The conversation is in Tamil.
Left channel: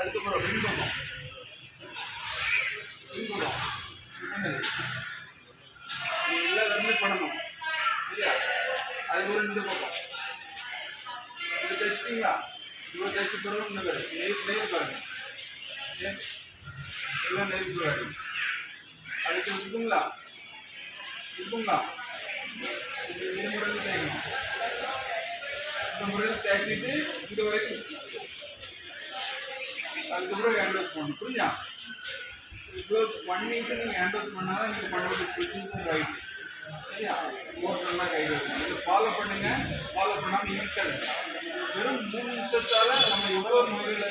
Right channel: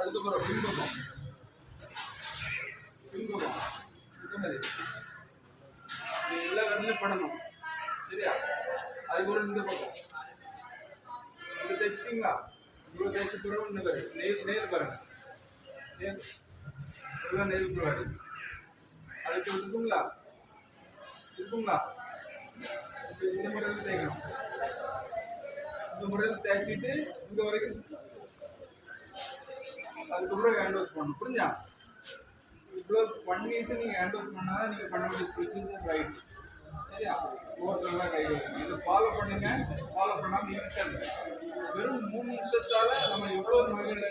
அதுக்கப்புறம் பின்பக்கம் எல்லாம் பண்ணணும் சரியா? அதுக்கப்புறம் இந்த பக்கம் இது தைச்சிட்டிங்களா? இவ்வளோ தைச்ச பிறகு இந்த நேர் பாருங்க, எல்லாம் நேருக்கு போகாது. அதுக்கு இருக்குங்களா இருக்குங்களா? இந்த முறையில் தேய்க்கணும். இந்த முறையில் தேய்ச்சிட்டு இந்த வரைக்கும் அதுக்கப்புறம் ஹேண்ட் வாஷ் பண்ணணும். புரிஞ்சா? இவ்வளோ பண்ணிட்டு நீங்கள் ஹேண்ட் வாஷ் பண்ணால் நீங்கள் பண்ண வேண்டிய ப்ரொசீஜர் ரைட். சரியா? ஓட்டெல்லாம் கை வைக்கணும். இதை ஃபாலோ பண்ணுங்கள். ஃபாலோ பண்ணாமல் இருக்காது. வெறும் 3 நிமிஷத்தால் நம்ம எவ்வளோ நோய்களை